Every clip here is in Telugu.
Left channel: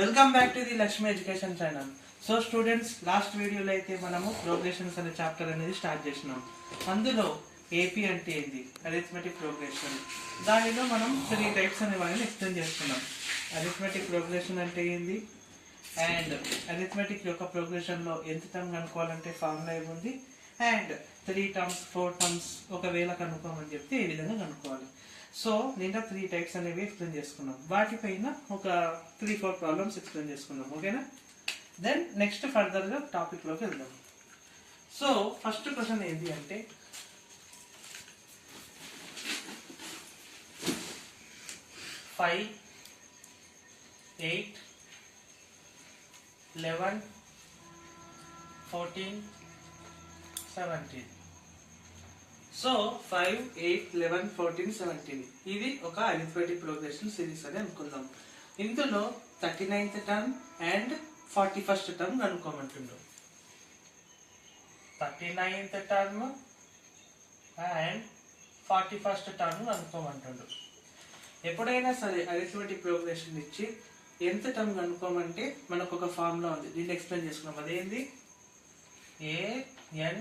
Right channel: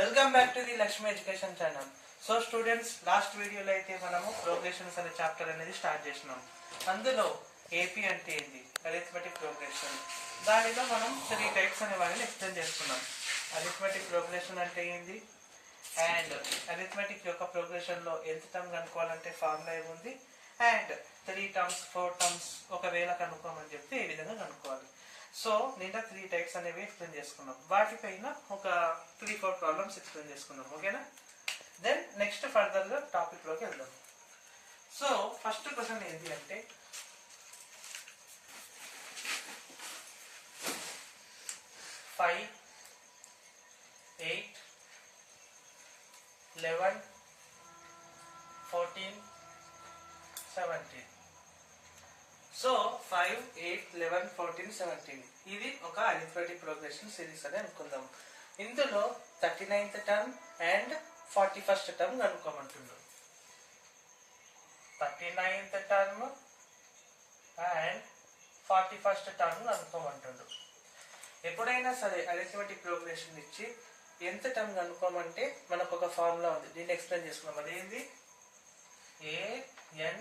Welcome back to the Lakshmi education channel. So students, last వీడియోలో అయితే మనము ప్రోగ్రెషన్స్ అనే చాప్టర్ అనేది స్టార్ట్ చేసినాం. అందులో ఏపీ అంటే ఏంటి, అరిథమెటిక్ ప్రోగ్రెషన్, దానిలో మనం 3 టైప్స్ అనే వాటిని ఎక్స్ప్లెయిన్ చేసుకున్నాం. అరిథమెటిక్ ప్రోగ్రెషన్ అంటే ఏంది, అండ్ అరిథమెటిక్ యొక్క ప్రోగ్రెషన్లో ఎంత టర్మ్ కనుక్కోవాలంటే ఫార్ములా ఏముంది, అండ్ 3 టర్మ్స్ 4 టర్మ్స్ ఒకవేళ కనుక్కోమని చెప్తే ఏ విధంగా కనుక్కోవాలి. సో నిన్న 3 టైప్స్ అనేవి ఎక్స్ప్లెయిన్ చేసుకున్నాం. వాటిపైన ఒక 3-4 ప్రాబ్లమ్స్ ఎక్స్ప్లెయిన్ చేసుకున్నాం. ఓకేనా? దెన్ నెక్స్ట్ ఫర్దర్ గా టాపిక్ లోకి వెళ్దాం. సో ఫస్ట్ క్వశ్చన్ ఏంటి అంటే, 5, 8, 11, 14, 17. సో 5, 8, 11, 14, 17 ఇది ఒక అరిథమెటిక్ ప్రోగ్రెషన్ సిరీస్ అని అనుకుందాం. ఇందులో 39th term and 41st term కనుక్కోమంటుండ్రు. 39th term and 41st term కనుక్కోమంటుండ్రు. ఎప్పుడైనా సరే అరిథమెటిక్ ప్రోగ్రెషన్ ఇచ్చి ఎంత టర్మ్ కనుక్కోమంటే మనకు ఒక ఫార్ములా ఉంది, దీన్ని ఎక్స్ప్లెయిన్ చేసుకున్నాం. అదేంది, an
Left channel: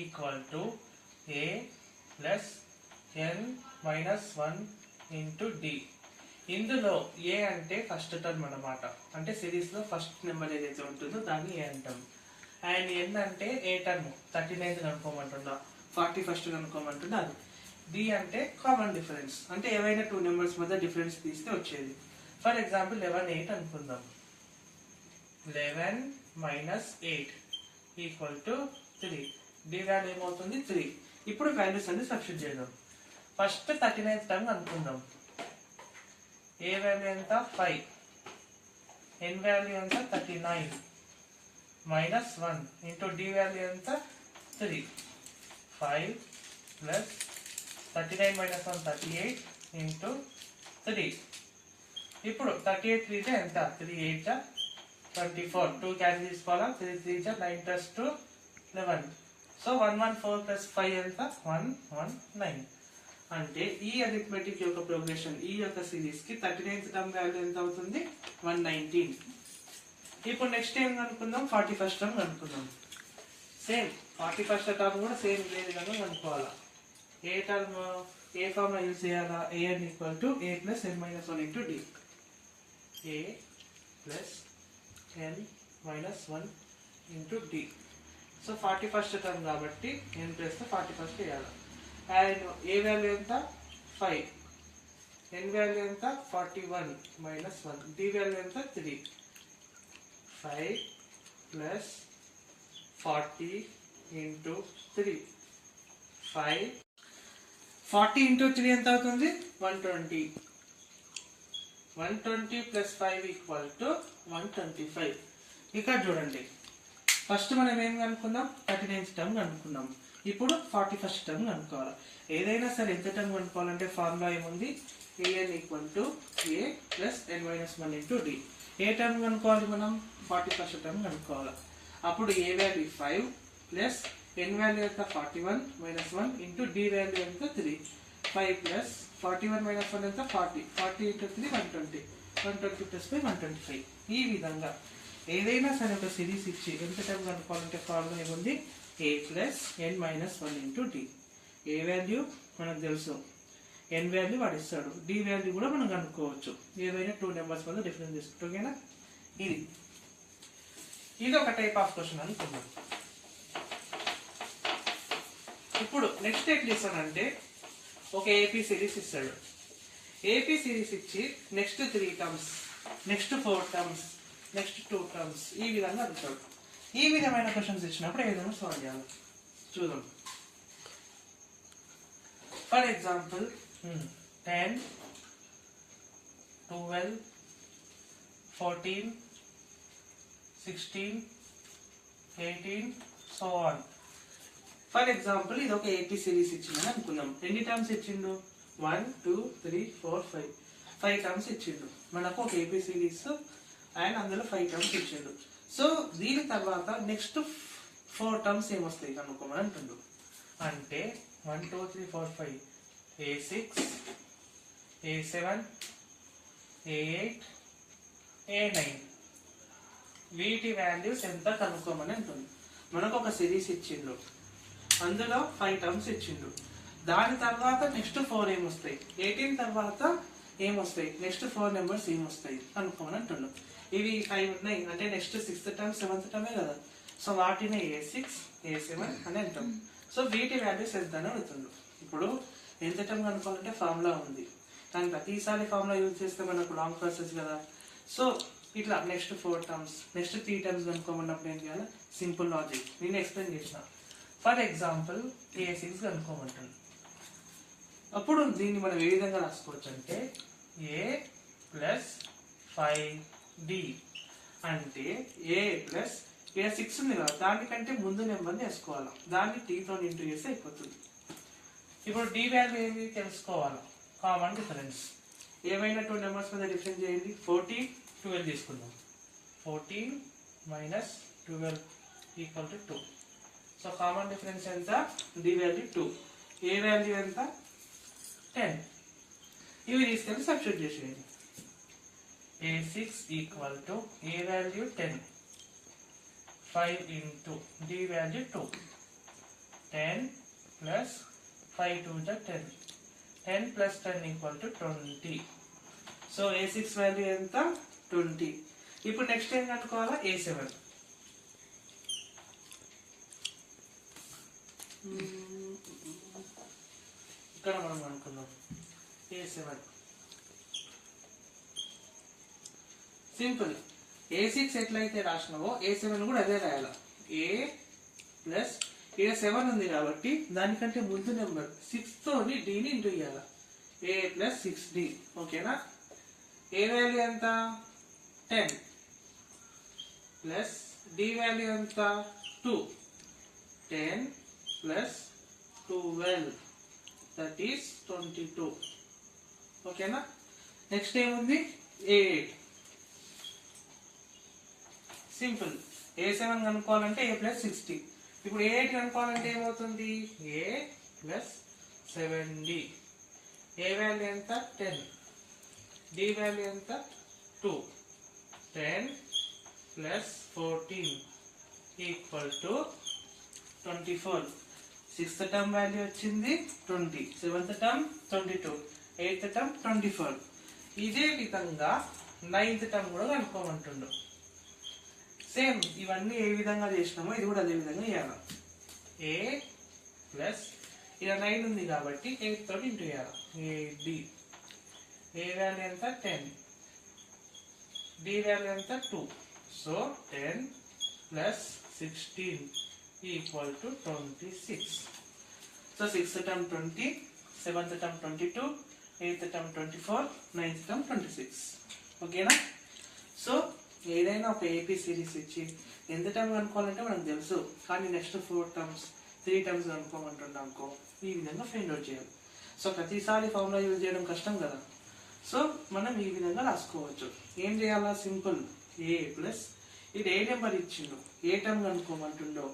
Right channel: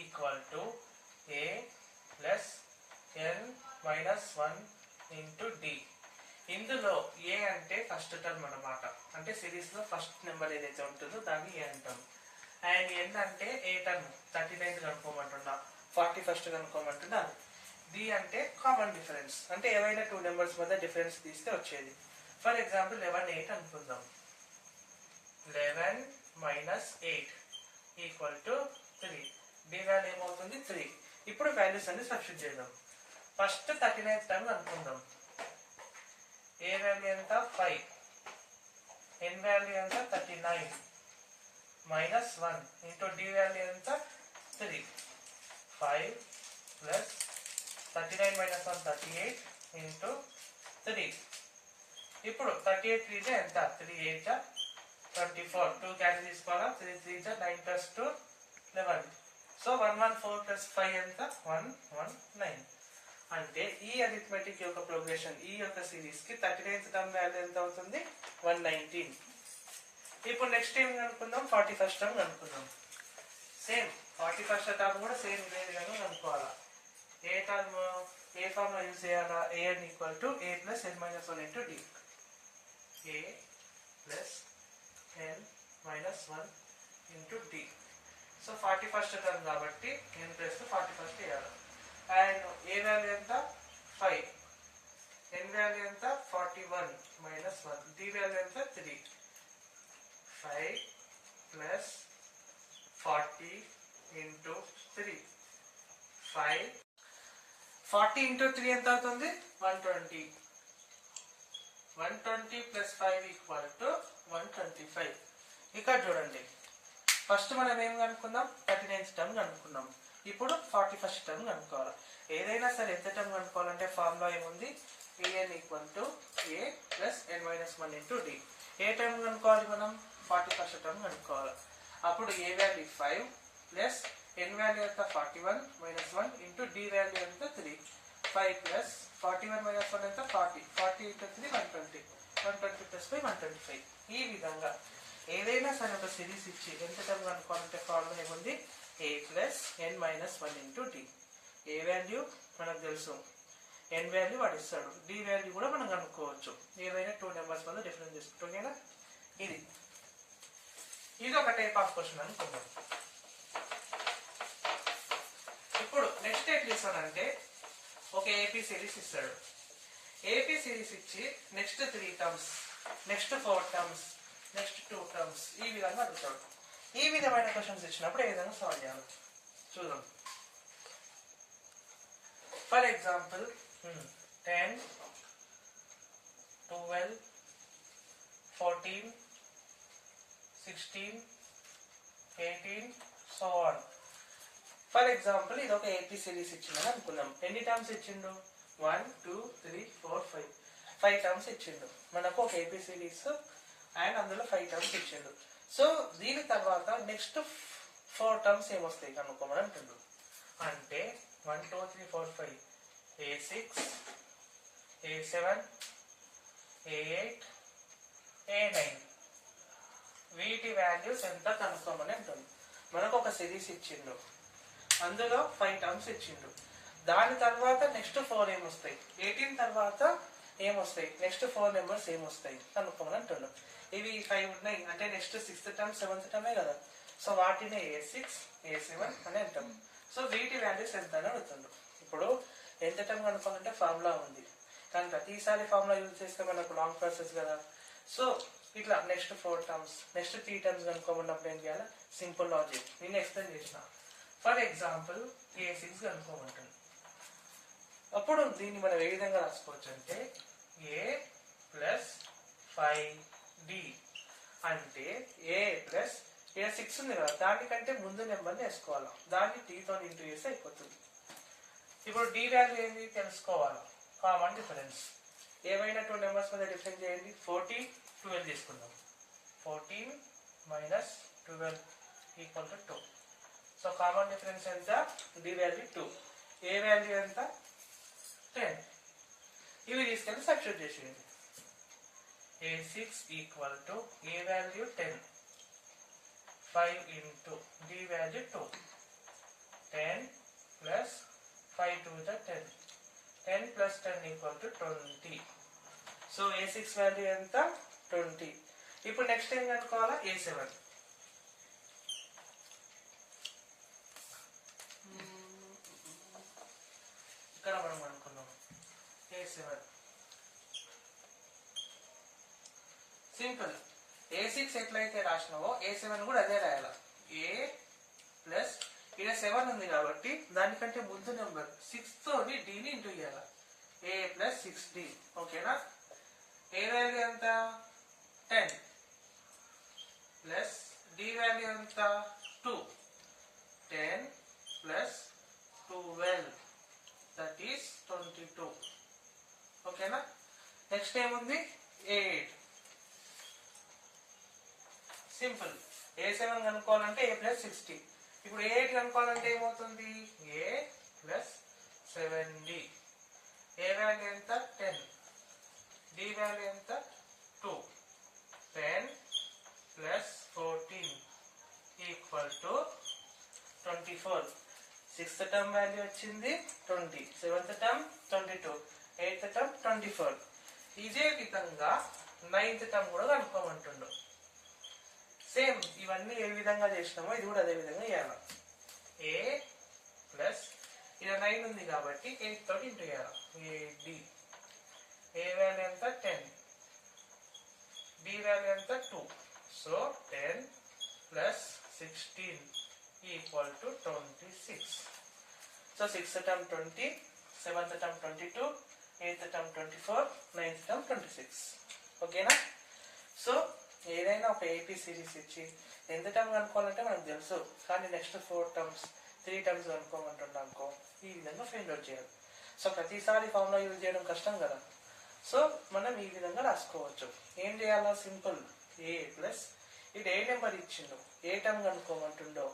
equal a plus n minus 1 into D. ఇందులో ఏ అంటే ఫస్ట్ టర్మ్ అన్నమాట, అంటే సిరీస్ లో ఫస్ట్ నెంబర్ ఏదైతే ఉంటుందో దాన్ని ఏ అంటాం. అండ్ ఎన్ అంటే ఏ టర్మ్, 39th కనుక్కోమంటున్నా, 41st కనుక్కోమంటున్నా అది. డి అంటే కామన్ డిఫరెన్స్, అంటే ఏవైనా 2 నెంబర్స్ మధ్య డిఫరెన్స్ తీస్తే వచ్చేది. ఫర్ ఎగ్జాంపుల్ 11, 8 అనుకుందాం. 11 minus 8 equal to 3. D value ఏమవుతుంది, 3. ఇప్పుడు వాల్యూస్ అన్ని సబ్స్టిట్యూట్ చేద్దాం. ఫస్ట్ 39th టర్మ్ అనుకుందాం. ఏ వాల్యూ ఎంత, 5. ఎన్ వాల్యూ ఎంత, 39 మైనస్ 1 ఇంటూ డి వాల్యూ ఎంత, 3. 5 ప్లస్ 39 మైనస్ 1 38 ఇంటూ 3. ఇప్పుడు 38 3 జా ఎంత, 3 8 జా 24. 2 క్యాన్సిల్ తీసుకోవాలా, 3 3 జా 9 ప్లస్ 2 11. సో 114 ప్లస్ 5 ఎంత, 119. అంటే ఈ అరిథమెటిక్ యొక్క ప్రోగ్రెషన్, ఈ యొక్క సిరీస్ కి 39th టర్మ్ వాల్యూ ఎంత అవుతుంది, 119. ఇప్పుడు నెక్స్ట్ ఏం కనుక్కుందాం, 41st టర్మ్ కనుక్కుందాం. సేమ్ 41st టర్మ్ కూడా సేమ్ ఇదే విధంగా కనుక్కోవాలా. ఏ టర్మ్, ఏ ఫార్మ్ యూజ్ చేయాలా, an equal to a plus n minus 1 into D. a plus n minus 1 into D. So 41st term కాబట్టి n ప్లస్ 41st వేయాలి. అండ్ ఏ వాల్యూ ఎంత, 5. n వాల్యూ ఎంత, 41 మైనస్ 1. డి వాల్యూ ఎంత, 3. 5 ప్లస్ 40 ఇంటూ 3. 40 ఇంటూ 3 ఎంత అవుతుంది, 120. 120 ప్లస్ 5 ఈక్వల్ టు 125. ఇక్కడ చూడండి, ఫస్ట్ మనం ఏం కనుక్కుందాం, 39th టర్మ్ కనుక్కున్నాం. ఇప్పుడు 41st టర్మ్ కనుక్కోవాలి. ఏదైనా సరే ఎంత టర్మ్ కనుక్కోవాలంటే ఫార్ములా ఏముంది, an equal to a plus n minus 1 into D. ఏ టర్మ్ కనుక్కోవాలి మనం, 41st టర్మ్ కనుక్కోవాలి. అప్పుడు A value 5 plus n value ఎంత, 41 మైనస్ 1 ఇంటూ డి వాల్యూ ఎంత, 3. 5 ప్లస్ 41 మైనస్ 1 ఎంత, 40. 40 ఇంటూ 3 120. 120 ప్లస్ 5 125. ఈ విధంగా ఏదైనా సరే ఒక సిరీస్ ఇచ్చి ఎంత టర్మ్ కనుక్కోవాలంటే ఫార్ములా ఏముంది, a plus n minus 1 into D. A value మనకు తెలుసు, n వాల్యూ వాడు ఇస్తాడు, డి వాల్యూ కూడా మనం కనుక్కోవచ్చు, ఏవైనా 2 నెంబర్స్ వల్ల డిఫరెన్స్ చేసుకుంటాం. ఓకేనా? ఇది ఒక టైప్ ఆఫ్ క్వశ్చన్ అనుకుందాం. ఇప్పుడు నెక్స్ట్ ఏం చేస్తాడంటే, ఒక ఏపీ సిరీస్ ఇస్తాడు. ఏపీ సిరీస్ ఇచ్చి next 3 terms, next 4 terms, next 2 terms, ఈ విధంగా అడుగుతాడు. ఈ విధమైన క్వశ్చన్స్ ఇచ్చినప్పుడు ఏ విధంగా సాల్వ్ చేయాలి చూద్దాం. For example 10, 12, 14, 16, 18, so on. For example ఇది ఒక ఏపీ సిరీస్ ఇచ్చిందని అనుకుందాం. ఎన్ని టర్మ్స్ ఇచ్చిండు, 1 2 3 4 5. 5 టర్మ్స్ ఇచ్చిండు మనకు ఒక ఏపీ సిరీస్, అండ్ అందులో 5 టర్మ్స్ ఇచ్చిండు. సో దీని తర్వాత నెక్స్ట్ 4 టర్మ్స్ ఏమొస్తాయి కనుక్కోమని అంటుండు. అంటే 1 2 3 4 5 a6 a7 a8 a9 వీటి వాల్యూస్ ఎంత కనుక్కోమని అంటుంది. మనకు ఒక సిరీస్ ఇచ్చిండు, అందులో 5 టర్మ్స్ ఇచ్చిండు. దాని తర్వాత నెక్స్ట్ 4 ఏమొస్తాయి, 18 తర్వాత ఏమొస్తాయి, నెక్స్ట్ 4 నెంబర్స్ ఏమొస్తాయి కనుక్కోమని అంటుండు. ఇవి 5 ఉన్నాయి అంటే నెక్స్ట్ 6th టర్మ్ 7th టర్మే కదా. సో వాటిని A6 A7 అని అంటాం. సో వీటి వాల్యూస్ ఎంత అని అడుగుతుండు. ఇప్పుడు ఎంత టర్మ్ కనుక్కోవాలంటే ఫార్ములా ఉంది, కానీ ప్రతిసారి ఫార్ములా యూజ్ చేస్తే మనకు లాంగ్ ప్రాసెస్ కదా. సో ఇట్లా నెక్స్ట్ 4 టర్మ్స్ నెక్స్ట్ 3 టర్మ్స్ కనుక్కోమన్నప్పుడు ఏం చేయాలి, సింపుల్ లాజిక్ నేను ఎక్స్ప్లెయిన్ చేసిన. For example A6 కనుక్కోమంటుంది. అప్పుడు దీన్ని మనం ఏ విధంగా రాసుకోవచ్చు అంటే A ప్లస్ 5D అంటే A ప్లస్ ఇక్కడ 6 ఉంది కదా, దానికంటే ముందు నెంబర్ని వేసుకోవాలి, దాన్ని Tతో ఇంటూ చేస్తే అయిపోతుంది. ఇప్పుడు D వాల్యూ ఏంటి తెలుసుకోవాలి, కామన్ డిఫరెన్స్. ఏమైనా 2 నెంబర్స్ మీద డిఫరెన్స్ చేయండి. 14 12 తీసుకుందాం. 14 minus 12 equal to 2. So common difference ఎంత, D వాల్యూ 2, A వాల్యూ ఎంత 10. ఇవి తీసుకెళ్ళి సబ్స్టిట్యూట్ చేసేయండి. A6 equal to A value 10, 5 into D value 2, 10 plus 5 2 10, 10 plus 10 equal to 20. So A6 value ఎంత 20. ఇప్పుడు నెక్స్ట్ ఏం కనుక్కోవాలా, A7. ఇక్కడ మనం అనుకున్నాం A7 సింపుల్. A6 ఎట్లయితే రాసినావో A7 కూడా అదే రాయాల. A ప్లస్ ఇక్కడ 7 ఉంది కాబట్టి దానికంటే ముందు నెంబర్ 6 తోని Dని ఇంటూ చేయాల. A plus 6D. ఓకేనా. A వాల్యూ ఎంత 10 ప్లస్ D వాల్యూ ఎంత 2, 10 ప్లస్ 12 దట్ ఈస్ 22. ఓకేనా. నెక్స్ట్ ఏముంది A8. Simple. A7 కనుక్కోవాలంటే A plus 60. ఇప్పుడు A8 కనుక్కోవాలంటే ఏమవుతుంది, A plus 7D. A value ఎంత 10, D వాల్యూ ఎంత 2, 10 plus 14 equal to 24. 6th term value వచ్చింది 20, 7th టర్మ్ 22, 8th టర్మ్ 24. ఇదే విధంగా 9th టర్మ్ కూడా కనుక్కోమంటుండు. సేమ్ ఇవన్నీ ఏ విధంగా చేసినామో ఇది కూడా అదే విధంగా చేయాలి. A ప్లస్ ఇక్కడ 9 ఉంది కాబట్టి 8 తోటి ఇంటూ చేయాలి. AD. A వాల్యూ ఎంత 10, D వాల్యూ ఎంత 2. So 10 plus 16 equal to 26. So 6th term 20, 7th term 22, 8th term 24, 9th term 26. ఓకేనా. సో ఏదైనా ఒక ఏపీ సిరీస్ ఇచ్చి ఎంత టర్మ్ కనుక్కోవాలంటే మనకు తెలుసు, కానీ నెక్స్ట్ 4 టర్మ్స్ 3 టర్మ్స్ కనుక్కోమంటున్నాం అనుకో, ఈ విధంగా ఫైండ్ అవుట్ చేయాలి. సో ప్రతిసారి ఫార్ములా యూజ్ చేయడం కష్టం కదా. సో మనం ఈ విధంగా రాసుకోవచ్చు. ఏం చేయాలా, సింపుల్. A ప్లస్ ఇది ఏ నెంబర్ ఇచ్చిండో, ఏ టర్మ్ కనుక్కోమంటుండో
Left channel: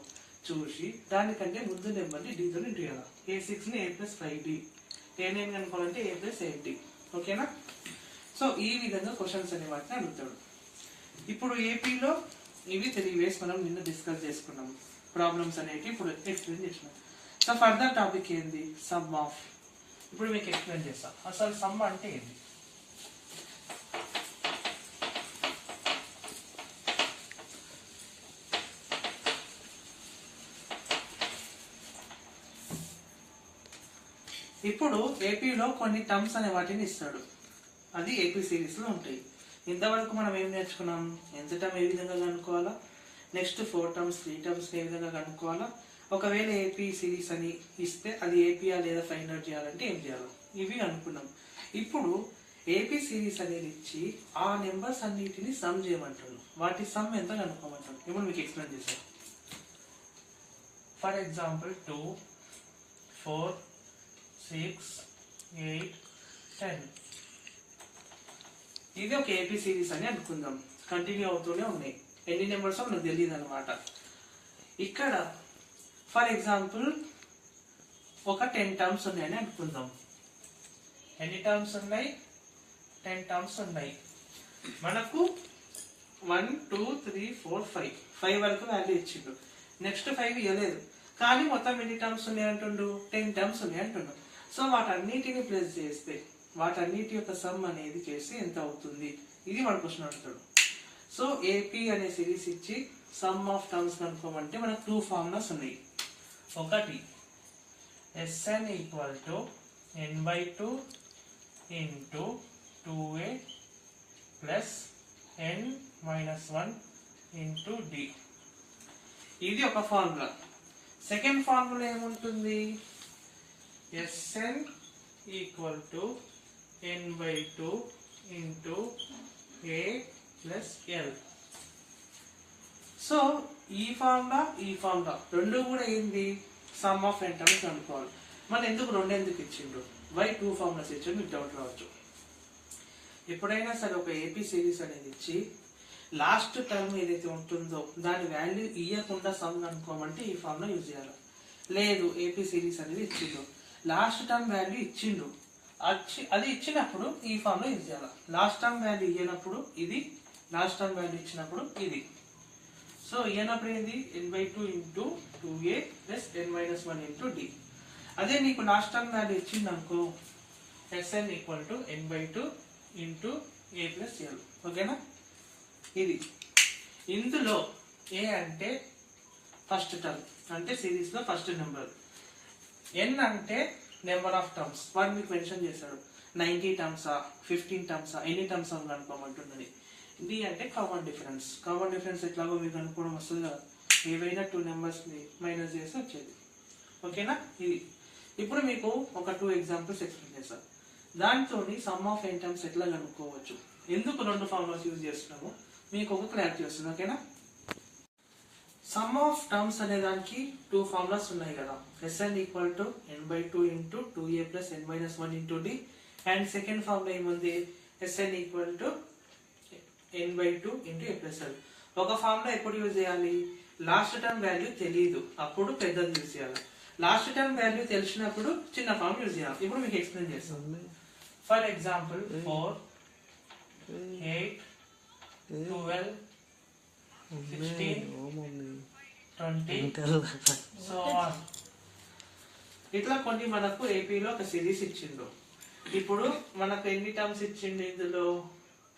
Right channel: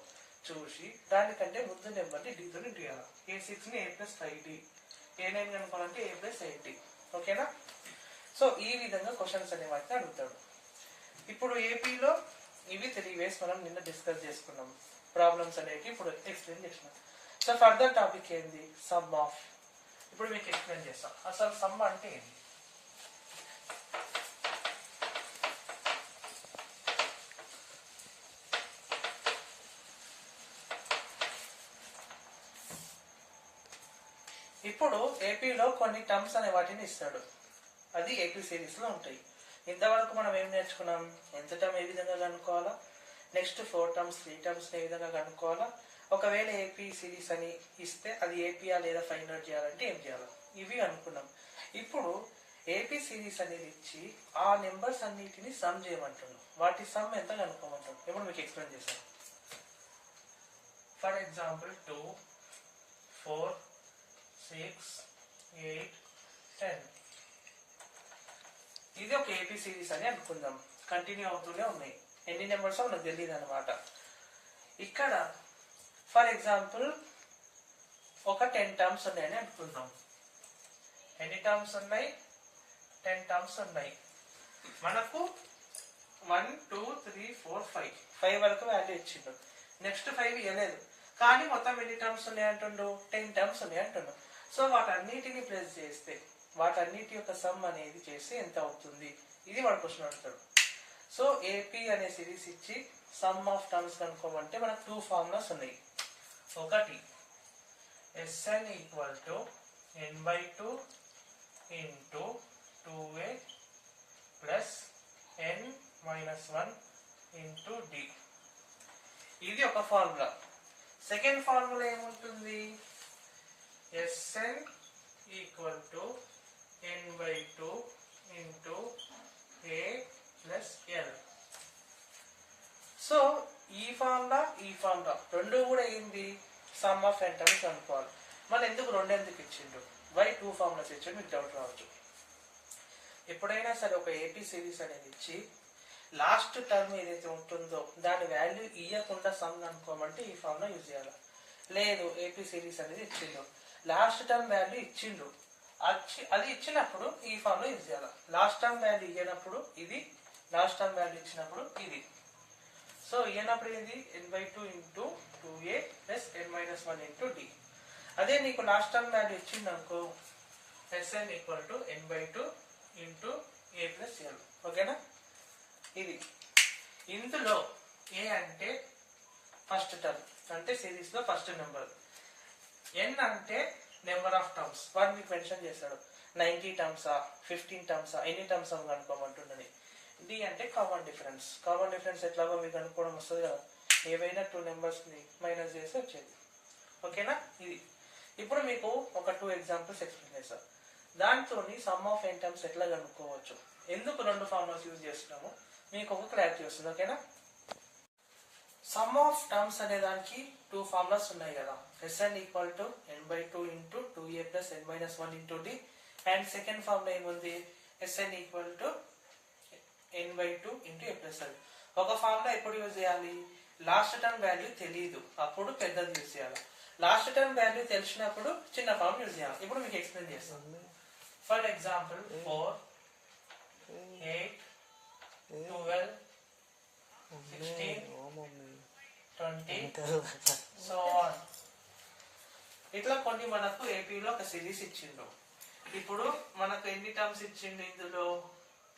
చూసి దానికంటే ముందు నెంబర్ని Dతో ఇంటూ చేయాలి. A6ని A plus 5D, A9 కనుక్కోవాలంటే A plus 8D. ఓకేనా. సో ఈ విధంగా క్వశ్చన్స్ అనే వాటిని అడుగుతాడు. ఇప్పుడు ఏపీలో ఇవి 3 ways మనం నిన్న డిస్కస్ చేసుకున్నాం. ప్రాబ్లమ్స్ అనేవి ఇప్పుడు ఎక్స్ప్లెయిన్ చేసినాం. సో ఫర్దర్ టాపిక్ ఏంది, సమ్ ఆఫ్. ఇప్పుడు మీకు ఎక్స్ప్లెయిన్ చేస్తా అసలు సమ్ అంటే ఏంది. ఇప్పుడు ఏపీలో కొన్ని టర్మ్స్ అనే వాటిని ఇస్తాడు, అది ఏపీ సిరీస్ లో ఉంటాయి. ఇంతవరకు మనం ఏం నేర్చుకున్నాం, ఎంత టర్మ్ ఏ విధంగా కనుక్కోవాలా, నెక్స్ట్ 4 టర్మ్స్ 3 టర్మ్స్ ఏ విధంగా కనుక్కోవాలా, ఒకవేళ ఏపీ సిరీస్ అని ఇస్తే అది ఏపీఆ లేదా ఫైండ్ అవుట్ చేయాలంటే ఏం చేయాలి, ఇవి అనుకున్నాం. ఇప్పుడు ఏపీ సిరీస్ అనేది ఇచ్చి ఆ నెంబర్స్ అన్నిటిని సమ్ చేయమంటున్నాం, వాటి సమ్ ఎంత కనుక్కోమంటాం. ఇప్పుడు మీకు ఎక్స్ప్లెయిన్ చేస్తాను. For example 2, 4, 6, 8, 10. ఇది ఒక ఏపీ సిరీస్ అని అనుకుందాం, కంటిన్యూ అవుతూనే ఉన్నాయి. ఎన్ని నెంబర్స్ మనకు తెలియదు అనమాట. ఇక్కడ ఫర్ ఎగ్జాంపుల్ ఒక 10 టర్మ్స్ ఉన్నాయని అనుకుందాం. ఎన్ని టర్మ్స్ ఉన్నాయి, 10 టర్మ్స్ ఉన్నాయి. మనకు 1 2 3 4 5 వరకు వాల్యూ ఇచ్చిండు. నెక్స్ట్ 5 ఇవ్వలేదు, కానీ మొత్తం ఎన్ని టర్మ్స్ ఉన్నాయి అంటుండు, 10 టర్మ్స్ ఉన్నాయి అంటుండు. సో వాటన్నిటిని ప్లస్ చేస్తే వాటన్నిటి యొక్క సమ్ అనేది చేసి ఎంత అవుతుంది, ఇది వాడు క్వశ్చన్ అడుగుతాడు. సో ఏపీ అనే సిరీస్ ఇచ్చి సమ్ ఆఫ్ టర్మ్స్ కనుక్కోమంటే మనకు 2 ఫార్ములాస్ ఉన్నాయి. ఒకటి Sn equal to n/2 into 2a plus n-1 into d. ఇది ఒక ఫార్ములా. సెకండ్ ఫార్ములా ఏముంటుంది, Sn equal to n/2 into a plus l. So ఈ ఫార్ములా రెండు కూడా ఏంది, సమ్ ఆఫ్ n టర్మ్స్ అనుకోవాలి. మరి ఎందుకు రెండు ఎందుకు ఇచ్చిండు, వై 2 ఫార్ములాస్ ఇచ్చిండు, మీకు డౌట్ రావచ్చు. ఎప్పుడైనా సరే ఒక ఏపీ సిరీస్ అనేది ఇచ్చి లాస్ట్ టర్మ్ ఏదైతే ఉంటుందో దాని వాల్యూ ఇవ్వకుండా సమ్ అనుకోమంటే ఈ ఫార్ములా యూజ్ చేయాలి. లేదు ఏపీ సిరీస్ అనేది ఇచ్చిండు, లాస్ట్ టర్మ్ వాల్యూ ఇచ్చిండు, అది ఇచ్చినప్పుడు ఈ ఫార్ములా యూజ్ చేయాలి. లాస్ట్ టర్మ్ వాల్యూ ఇవ్వనప్పుడు ఇది, లాస్ట్ టర్మ్ వాల్యూ ఇచ్చినప్పుడు ఇది. సో ఇవ్వనప్పుడు ఏంది, n/2 into 2a plus n-1 into d. అదే నీకు లాస్ట్ టర్మ్ వాల్యూ ఇచ్చింది అనుకో, Sn equal to n/2 into a plus l. ఓకేనా. ఇది ఇందులో ఏ అంటే ఫస్ట్ టర్మ్, అంటే సిరీస్ లో ఫస్ట్ నెంబర్. n అంటే నెంబర్ ఆఫ్ టర్మ్స్, వాడు మీకు మెన్షన్ చేశాడు 90 టర్మ్సా 15 టర్మ్సా ఎన్ని టర్మ్స్ అని కనుక్కోమంటున్నది. d అంటే కామన్ డిఫరెన్స్. కామన్ డిఫరెన్స్ ఎట్లాగో మీకు అనుకోవడం వస్తుంది కదా, ఏవైనా 2 నెంబర్స్ ని మైనస్ చేసి వచ్చేది. ఓకేనా. ఇది ఇప్పుడు మీకు ఒక 2 ఎగ్జాంపుల్స్ ఎక్స్ప్లెయిన్ చేస్తాను. దాంతో సమ్ ఆఫ్ n టర్మ్స్ ఎట్లా కనుక్కోవచ్చు, ఎందుకు రెండు ఫార్ములాస్ యూజ్ చేస్తున్నాము మీకు ఒక క్లారిటీ వస్తుంది. ఓకేనా. సమ్ ఆఫ్ టర్మ్స్ అనే దానికి 2 ఫార్ములాస్ ఉన్నాయి కదా, Sn equal to n/2 into 2a plus n-1 into d. And second formula ఏముంది, Sn equal to n/2 into a plus l. ఒక ఫార్ములా ఎప్పుడు యూజ్ చేయాలి, లాస్ట్ టర్మ్ వాల్యూ తెలియదు అప్పుడు పెద్దది యూజ్ చేయాలి, లాస్ట్ టర్మ్ వాల్యూ తెలిసినప్పుడు చిన్న ఫార్మ్ యూజ్ చేయాలి. ఇప్పుడు మీకు ఎక్స్ప్లెయిన్ చేస్తాను. For example 4 8 12 16 20 so on. ఇట్లా కొన్ని మనకు ఏపీలో ఒక సిరీస్ ఇచ్చిండు. ఇప్పుడు మనకు ఎన్ని టర్మ్స్ ఇచ్చిండు, ఇందులో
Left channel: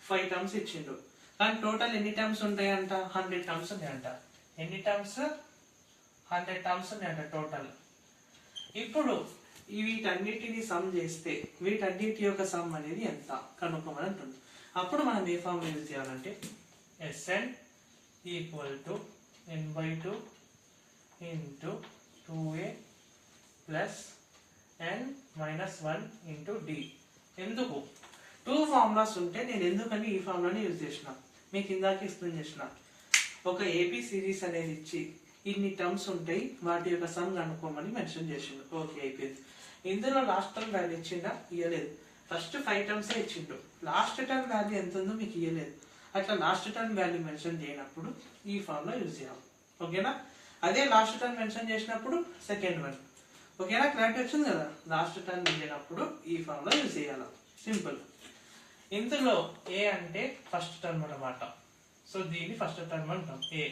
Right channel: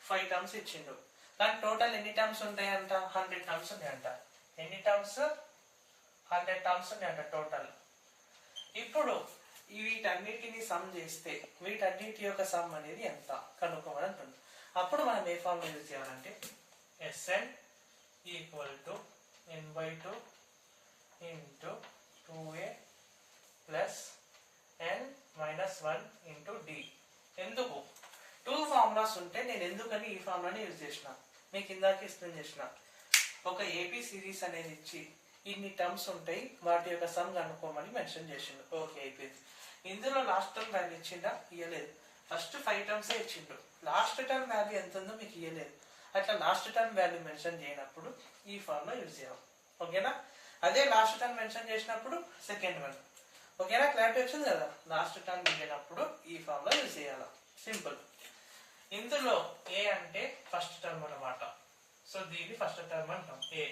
5 టర్మ్స్ ఇచ్చిండు, కానీ టోటల్ ఎన్ని టర్మ్స్ ఉంటాయంట, 100 టర్మ్స్ ఉన్నాయంట. ఎన్ని టర్మ్స్, 100 టర్మ్స్ ఉన్నాయంట టోటల్. ఇప్పుడు వీటన్నిటిని సమ్ చేస్తే వీటన్నిటి యొక్క సమ్ అనేది ఎంత కనుక్కోమని అంటుంది. అప్పుడు మనం ఏ ఫార్మ్ యూజ్ చేయాలంటే Sn equal to n/2 into 2a plus n-1 into d. ఎందుకు 2 ఫార్ములాస్ ఉంటే నేను ఎందుకని ఈ ఫార్ములాని యూజ్ చేసిన, మీకు ఇందాక ఎక్స్ప్లెయిన్ చేసిన. ఒక ఏపీ సిరీస్ అనేది ఇచ్చి ఇన్ని టర్మ్స్ ఉంటాయి, వాటి యొక్క సమ్ కనుక్కోమని మెన్షన్ చేసిండు. ఓకే అయిపోయింది. ఇందులో లాస్ట్ టర్మ్ వాల్యూ ఇచ్చిందా, ఇవ్వలేదు. ఫస్ట్ 5 టర్మ్స్ ఇచ్చిండు, లాస్ట్ టర్మ్ వాల్యూ ఎంత ఉందో మీకు ఇవ్వలేదు. అట్లా లాస్ట్ టర్మ్ వాల్యూ మెన్షన్ చేయనప్పుడు ఈ ఫార్ములా యూజ్ చేయాలి. ఓకేనా. అదే లాస్ట్ టర్మ్ మెన్షన్ చేసినప్పుడు సెకండ్ వన్. ఓకేనా, క్లారిటీ వచ్చింది కదా. లాస్ట్ టర్మ్ ఇచ్చినప్పుడు ఈ ఫార్ములా యూజ్ చేయాలి, సింపుల్. ఇందులో ఏ అంటే ఫస్ట్ టర్మ్ అన్నమాట. సో దీన్ని ఫస్ట్ టర్మ్ అంటాం ఏ.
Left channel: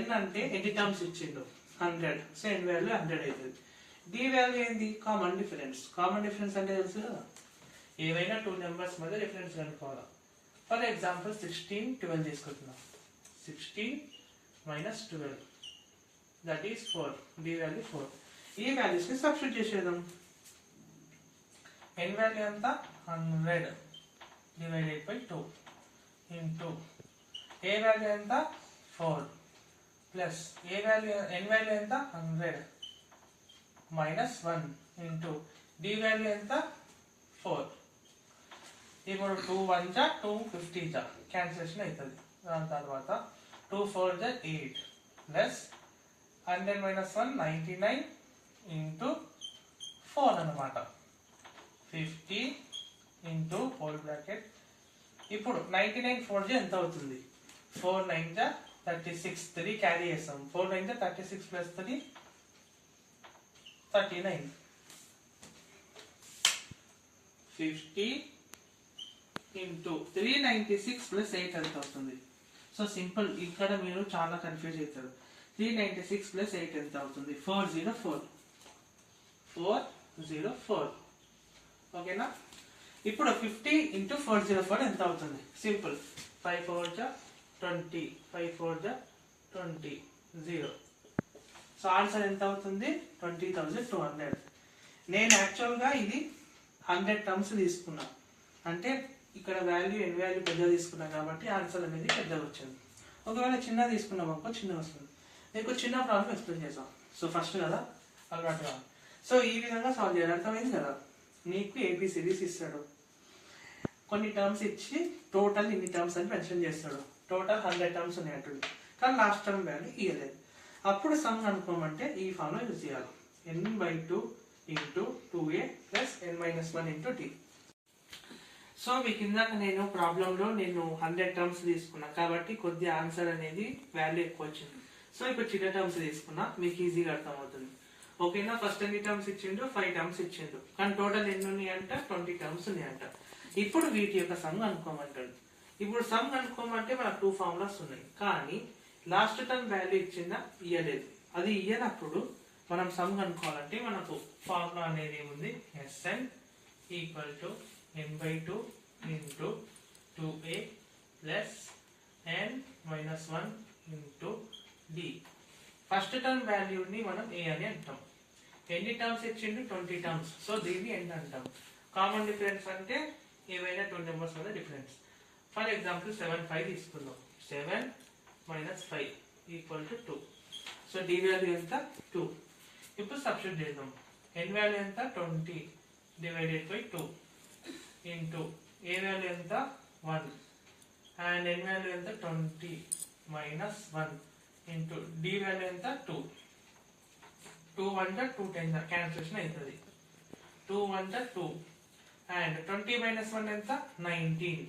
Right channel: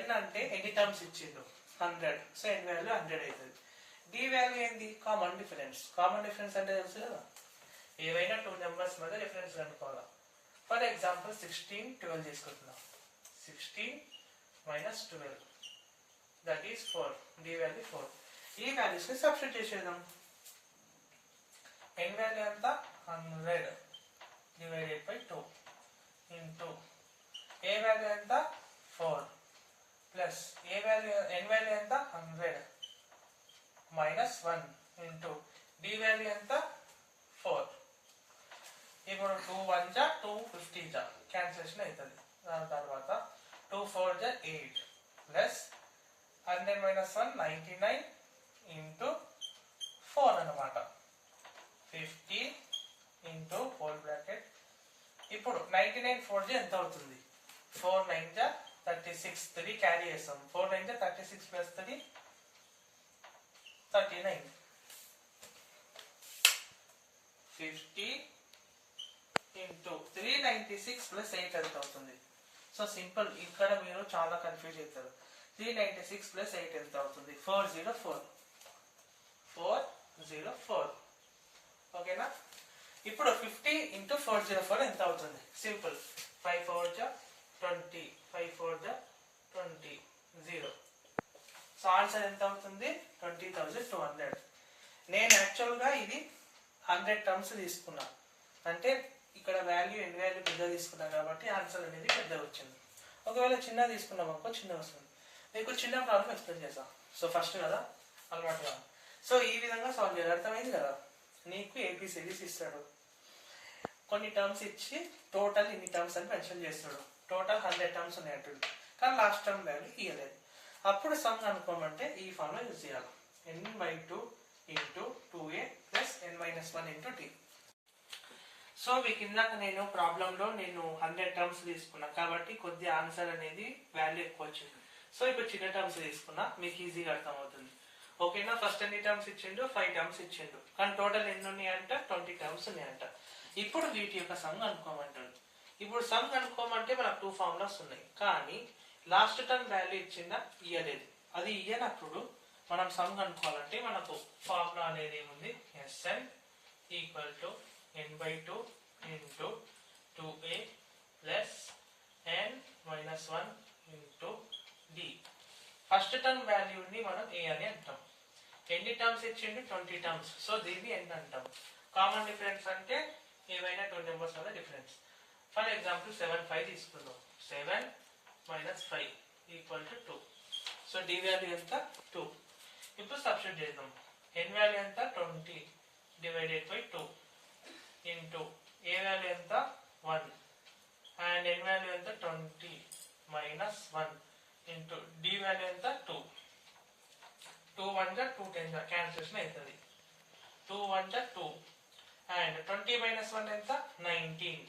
n అంటే ఎన్ని టర్మ్స్ ఇచ్చిండు, 100. సో n వాల్యూ 100 అవుతుంది. d వాల్యూ ఏంది, కామన్ డిఫరెన్స్. కామన్ డిఫరెన్స్ అంటే తెలుసు కదా, ఏవైనా 2 నెంబర్స్ మధ్య డిఫరెన్స్ కనుక్కోవాలి. ఫర్ ఎగ్జాంపుల్ 16 12 తీసుకుంటున్నాం. 16 minus 12 that is 4. d value 4. ఈ వాల్యూస్ ని సబ్స్టిట్యూట్ చేసేద్దాం. n వాల్యూ ఎంత, 100 divided by 2 into a value ఎంత 4 plus a value n value ఎంత 100 మైనస్ 1 ఇంటూ d వాల్యూ ఎంత 4. ఇప్పుడు 2 1 జా 2 50 జా క్యాన్సిలేషన్ అవుతుంది. దాని తర్వాత 2 4 జా 8 ప్లస్ 100 మైనస్ 1 99 ఇంటూ 4 అన్నమాట. 50 ఇంటూ హోల్ బ్రాకెట్. ఇప్పుడు 99 4 జా ఎంత అవుతుంది, 4 9 జా 36. 3 క్యారీ చేస్తాం. 4 9 జా 36 ప్లస్ 3 39. 50 ఇంటూ 396 ప్లస్ 8 ఎంత అవుతుంది, సో సింపుల్, ఇక్కడ మీరు చాలా కన్ఫ్యూజ్ అవుతారు. 396 ప్లస్ 8 ఎంత అవుతుంది? 404. ఓకేనా? ఇప్పుడు 50 ఇంటూ 404 ఎంత అవుతుంది? సింపుల్, 5 4 జా 20, 5 4 జా 20, 0. సో ఆన్సర్ ఎంత అవుతుంది? 20,200. నేను యాక్చువల్గా ఇది 100 టర్మ్స్ తీసుకున్నా, అంటే ఇక్కడ వాల్యూ ఎన్ వాల్యూ పెద్ద తీసుకున్నా కాబట్టి ఆన్సర్ అనేది పెద్దగా వచ్చింది. ఒకవేళ చిన్న తీసుకున్నాం అనుకో చిన్న వస్తుంది. మీకు చిన్న ప్రాబ్లం ఎక్స్ప్లెయిన్ చేస్తాం. సో ఫస్ట్ కదా అలవాటుగా, సో ఈ విధంగా సాల్వ్ చేయాలి. అర్థమైంది కదా? నీకు ఏపీ సిరీస్ ఇస్తాడు, కొన్ని టర్మ్స్ ఇచ్చి టోటల్ ఇన్ని టర్మ్స్ అని మెన్షన్ చేస్తాడు. టోటల్ 100 టర్మ్స్ ఉన్నాయంటుంది, కానీ లాస్ట్ టర్మ్ వాల్యూ ఇవ్వలేదు. అప్పుడు సమ్ అనుకోమంటే ఈ ఫామ్ లో యూజ్ చేయాలి. n/2 into 2a plus n-1 into t. So మీకు ఇందాక నేను ప్రాబ్లంలో 100 టర్మ్స్ తీసుకున్నా కాబట్టి కొద్ది ఆన్సర్ అనేది వాల్యూ ఎక్కువ వచ్చింది. సో ఇప్పుడు చిన్న టర్మ్స్ తీసుకున్నా, మీకు ఈజీగా అర్థమవుతుంది. ఓకేనా? ఫస్ట్ ఎన్ని టర్మ్స్ ఇచ్చిండు? 5 టర్మ్స్ ఇచ్చిండు, కానీ టోటల్ ఎన్ని ఉన్నాయంట? 20 టర్మ్స్ ఉన్నాయంట. ఇప్పుడు వీటి యొక్క సమ్ అనుకోమంటాడు. ఇప్పుడు సమ్ అనుకోమంటే మనకు 2 ఫార్ములాస్ ఉన్నాయి, కానీ లాస్ట్ టర్మ్ వాల్యూ ఇచ్చిందా? ఇయ్యలేదు. అది ఇయ్యనప్పుడు మనం సమ్ అనుకోవాలంటే మనకు ఫార్ములా అనేది ఏముంది? Sn equal to n/2 into 2a plus n-1 into d. First term వాల్యూని మనం a అని అంటాం. ఎన్ని టర్మ్స్ ఇచ్చిండు? 20 టర్మ్స్. సో దీన్ని n అంటాం. కామన్ డిఫరెన్స్ అంటే ఏవైనా 2 నెంబర్స్ వల్ల డిఫరెన్స్. ఫర్ ఎగ్జాంపుల్ 7 5 తీసుకుందాం. 7 - 5 equal to 2. So d value ఎంత? 2. ఇప్పుడు సబ్స్టిట్యూట్ చేద్దాం. n వాల్యూ ఎంత? 20 divided by 2 into a value ఎంత? 1 అండ్ n వాల్యూ ఎంత? 20 - 1 ఇంటూ d వాల్యూ ఎంత? 2. 2 1 జా 2 10 జా క్యాన్సిలేషన్ అవుతుంది. 2 1 జా 2 అండ్ 20 - 1 ఎంత? 19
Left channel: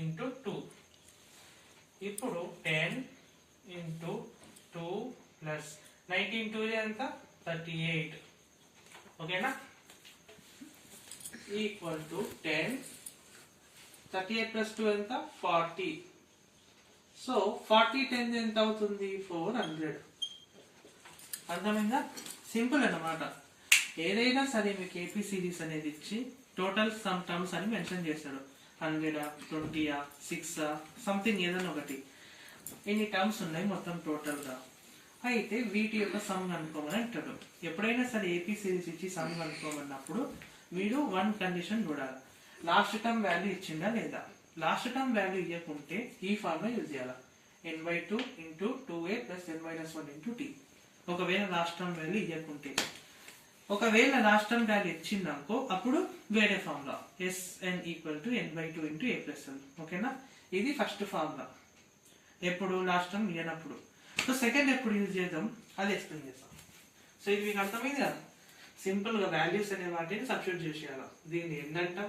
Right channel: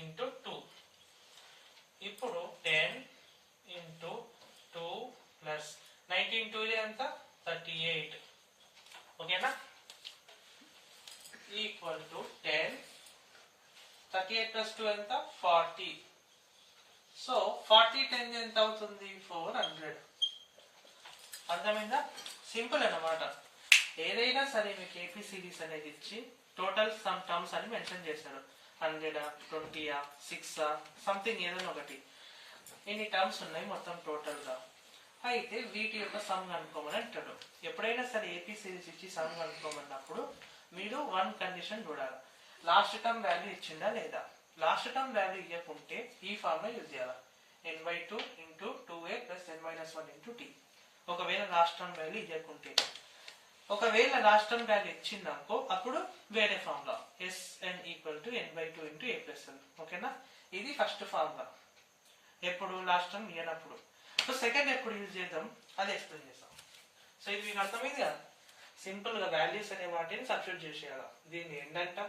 ఇంటూ 2. ఇప్పుడు 10 ఇంటూ 2 ప్లస్ 19 2 ఎంత? 38. ఓకేనా? Equal to 10. 38 ప్లస్ 2 ఎంత? 40. సో 40 10 ఎంత అవుతుంది? 400. అర్థమైందా? సింపుల్ అన్నమాట. ఏదైనా సరే మీకు ఏపీ సిరీస్ అనేది ఇచ్చి టోటల్ సమ్ టర్మ్స్ అని మెన్షన్ చేశాడు. 100, 20, 6 సంథింగ్ ఏదైనా ఒకటి. ఇన్ని టర్మ్స్ ఉన్నాయి మొత్తం టోటల్ గా. అయితే వీటి యొక్క సమ్ కనుక్కోమని అంటాడు. ఎప్పుడైనా సరే ఏపీ సిరీస్ ఇచ్చి సమ్ కనుక్కోమన్నప్పుడు మీరు 1 కండిషన్ చూడాలి. లాస్ట్ టర్మ్ వాల్యూ ఇచ్చిందా లేదా? లాస్ట్ టర్మ్ వాల్యూ ఇవ్వకుంటే ఈ ఫార్మ్ లో యూజ్ చేయాలి. n/2 into 2a plus n-1 into t. ఒకవేళ లాస్ట్ టర్మ్ వాల్యూ ఇవ్వకుంటే, ఒకవేళ లాస్ట్ టర్మ్ వాల్యూ ఇచ్చిందనుకో అప్పుడు వేరే formula Sn equal to n/2 into a plus n. ఓకేనా? ఇది ఫస్ట్ ఫార్ములా ఎప్పుడు? లాస్ట్ టర్మ్ ఇవ్వనప్పుడు. సో సెకండ్ ఎప్పుడు యూజ్ చేద్దాం అది ఎక్స్ప్లెయిన్ చేస్తాం. సో ఇది మీకు అర్థమైంది కదా? సింపుల్ గా వాల్యూస్ అనే వాటిని సబ్స్టిట్యూట్ చేసేయాలి. దీన్ని ఏంటంటాం?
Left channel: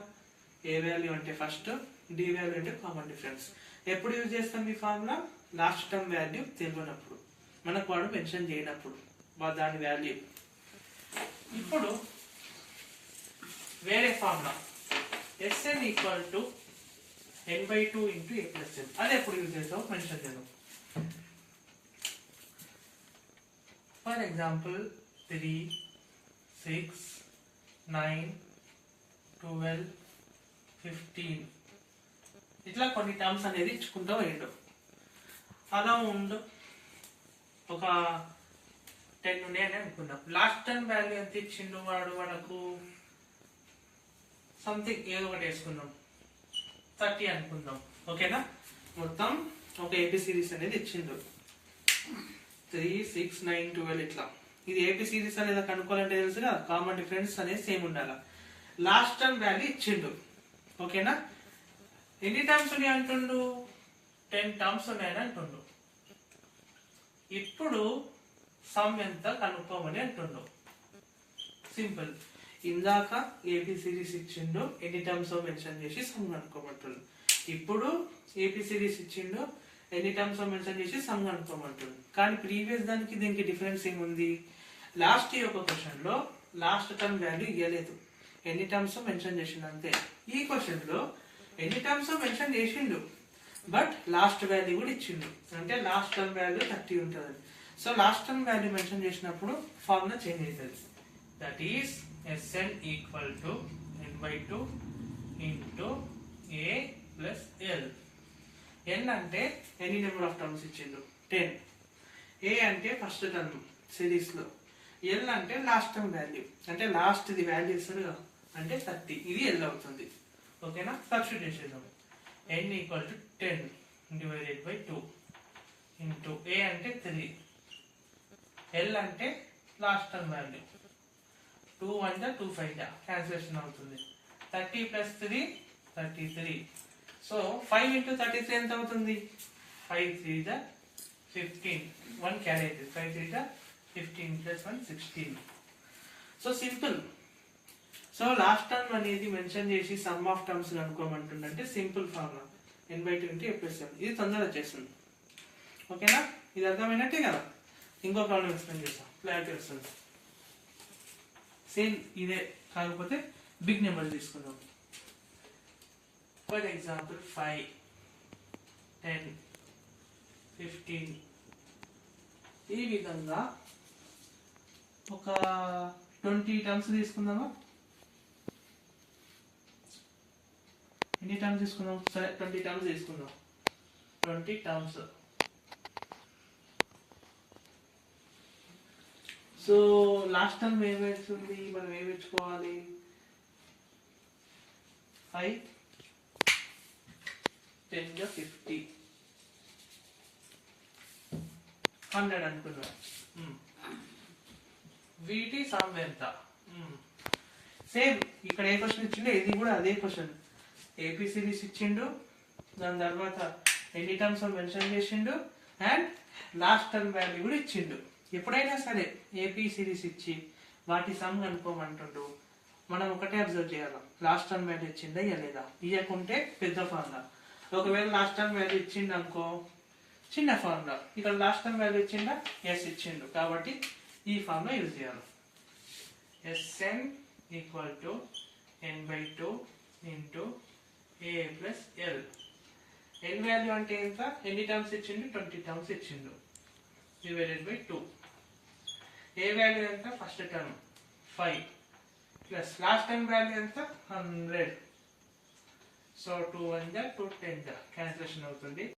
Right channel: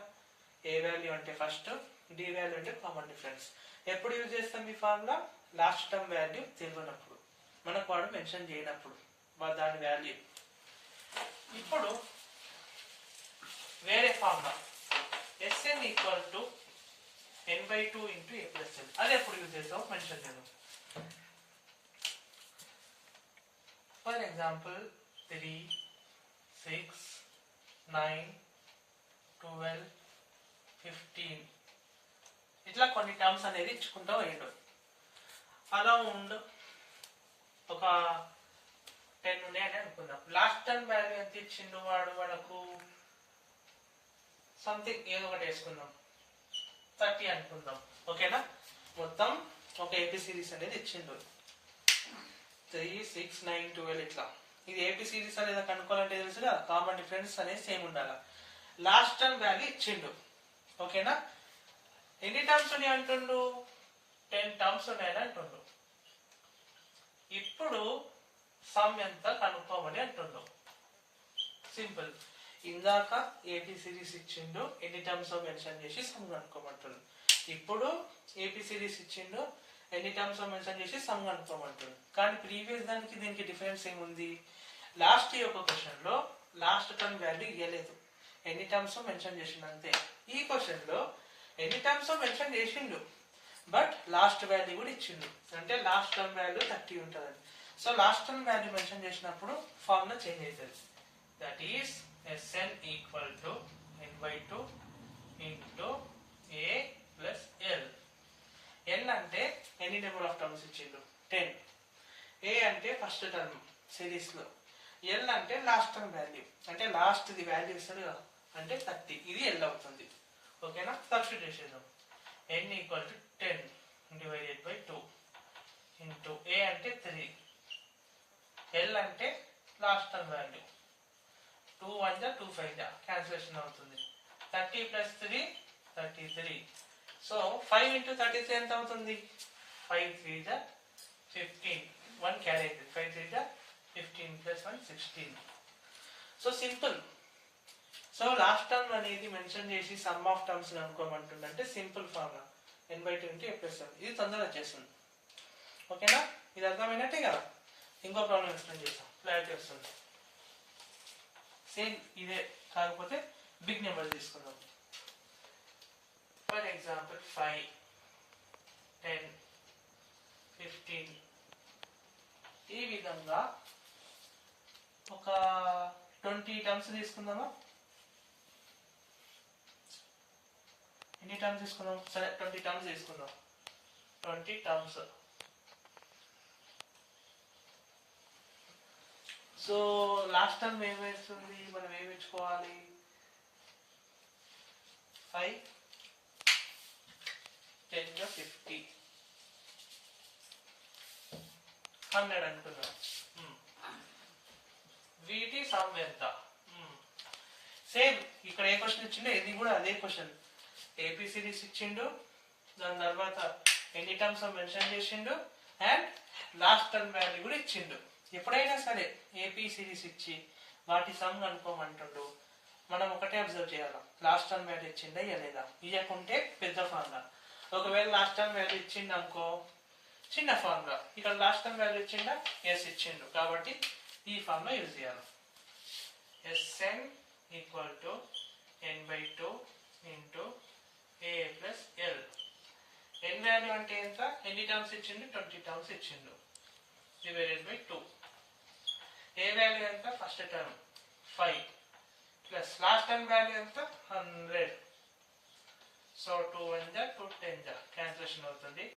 ఏ వాల్యూ అంటే ఫస్ట్, డి వాల్యూ అంటే కామన్ డిఫరెన్స్. ఎప్పుడు యూజ్ చేస్తాం ఈ ఫార్ములా? లాస్ట్ టర్మ్ వాల్యూ తెలియనప్పుడు, మనకు వాడు మెన్షన్ చేయనప్పుడు దాని వాల్యూ. ఇప్పుడు వేరే formula Sn equal to n/2 into a plus n. అది ఎప్పుడు యూజ్ చేస్తాం మెన్షన్ చేద్దాం. ఫర్ ఎగ్జాంపుల్ 3 6 9 12 15 ఇట్లా కొన్ని టర్మ్స్ అనేది ఇచ్చుకుంటూ పోయిండు. అలా ఉండు ఒక 10 ఉన్నాయని అనుకుందాం. లాస్ట్ టర్మ్ వాల్యూ ఎంత ఇచ్చిండు వాడు మనకు? సంథింగ్ ఏదో ఒకటి వేసుకుందాం, 30 అనుకుందాం. ఓకేనా? మొత్తం ఒక ఏపీ సిరీస్ అనేది ఇచ్చిండు. 3 6 9 12 ఇట్లా. ఇది ఏపీ సిరీస్ అనేది కనుక్కోవాలంటే తెలుసుగా కామన్ డిఫరెన్స్ అనేది సేమ్ ఉండాలి. లాస్ట్ టర్మ్ వాల్యూ ఇచ్చిండు. ఓకేనా? ఎన్ని టర్మ్స్ ఉన్నాయి అంటుండు? 10 టర్మ్స్ ఉన్నాయని అంటుండు. ఇప్పుడు సమ్ ఎంత కనుక్కోమని అంటుండు. సింపుల్, ఇందాక ఏపీ సిరీస్ ఇచ్చిండు, ఎన్ని టర్మ్స్ మెన్షన్ చేసి సమ్ కనుక్కోమంటుండు. ఇప్పుడు ఏపీ సిరీస్ ఇచ్చిండు, ఎన్ని టర్మ్స్ మెన్షన్ చేసి సమ్ కనుక్కోమంటుండు. కానీ ప్రీవియస్ దానికి దీనికి డిఫరెన్స్ ఏముంది? లాస్ట్ యొక్క క్వశ్చన్ లో లాస్ట్ టర్మ్ వాల్యూ ఇవ్వలేదు, ఎన్ని టర్మ్స్ మెన్షన్ చేసిండు అంతే. ఈ క్వశ్చన్ లో ఎన్ని టర్మ్స్ మెన్షన్ చేసిండు, బట్ లాస్ట్ వాల్యూ కూడా ఇచ్చిండు, అంటే లాస్ట్ టర్మ్ వాల్యూ 30 ఉంటుంది. So last term value mention చేసినప్పుడు ఫార్ములా చేంజ్ అవుతుంది. That is Sn equal to n/2 into a plus l. n అంటే ఎన్ని నెంబర్ ఆఫ్ టర్మ్స్ ఇచ్చిండు 10, a అంటే ఫస్ట్ టర్మ్ సిరీస్ లో, l అంటే లాస్ట్ టర్మ్ వాల్యూ, అంటే లాస్ట్ ది వాల్యూ ఇస్తుంది కదా, అంటే 30, ఇది l అవుతుంది. ఓకేనా, సబ్స్టిట్యూట్ చేసేద్దాం. n equal to 10 divided by 2 into a అంటే 3, l అంటే లాస్ట్ టర్మ్ వాల్యూ, 2 1 జా 2 5 జా క్యాన్సిలేషన్ అవుతుంది. 30 ప్లస్ 3 33. సో 5 ఇంటూ 33 ఎంత అవుతుంది? 5 3 జా 15, 1 క్యారీ అవుతుంది. 5 3 జా 15 plus 1 16. So simple. So last term అనేది మెన్షన్ చేసి సమ్ ఆఫ్ టర్మ్స్ కనుక్కోమంటుందంటే simple formula n/2 into a plus l. ఇది తొందరగా వచ్చేస్తుంది. ఓకేనా, ఇది అర్థమైనట్టే కదా. ఇంకో ప్రాబ్లం ఎక్స్ప్లెయిన్ చేస్తాం, క్లారిటీ వస్తుంది. సేమ్ ఇదే, కాకపోతే బిగ్ నెంబర్ తీసుకుందాం. For example 5 10 15. ఈ విధంగా ఒక 20 టర్మ్స్ తీసుకుందామా? ఎన్ని టర్మ్స్ తీసుకుందాం? సరే 20 టర్మ్స్ తీసుకుందాం. 20 టర్మ్స్. సో లాస్ట్ టర్మ్ ఏం వేస్తుంది, మనం ఏం తెచ్చుకోవాలి? 5 10 గా 50, 100 అనుకుందాం. వీటి సమ్ ఎంత? సేమ్ ఇక్కడ ఏ క్వశ్చన్ ఇచ్చిండో ఇది కూడా అదే క్వశ్చన్. ఏపీ సిరీస్ ఇచ్చిండు, దాని తర్వాత ఎన్ని టర్మ్స్ మెన్షన్ చేసిండు, అండ్ లాస్ట్ టర్మ్ వాల్యూ కూడా ఇచ్చిండు. ఎప్పుడైనా సరే ఏపీ సిరీస్ ఇచ్చి వాటి సమ్ కనుక్కోమంటుండు, మనం ఒకటే అబ్జర్వ్ చేయాలి, లాస్ట్ టర్మ్ వాల్యూ ఇచ్చిందా ఇవ్వలేదా. ఇవ్వకుంటే పెద్ద ఫార్ములా, ఒకవేళ లాస్ట్ టర్మ్ వాల్యూ ఇచ్చిండు అనుకో చిన్న ఫార్ములా. ఇక్కడ లాస్ట్ టర్మ్ వాల్యూ ఇచ్చిండా? ఎస్ ఇచ్చిండు, కాబట్టి ఈ ఫార్ములా యూజ్ చేయాలి. Sn equal to n/2 into a plus l. n value అంటే ఎంత? ఎన్ని టర్మ్స్ ఇచ్చిండు? 20 టర్మ్స్ ఇచ్చిండు, డివైడెడ్ బై 2. ఏ వాల్యూ ఎంత? First term 5 plus last term value ఎంత? 100. సో 2 1 జా 2 10 జా క్యాన్సిలేషన్ అవుతుంది.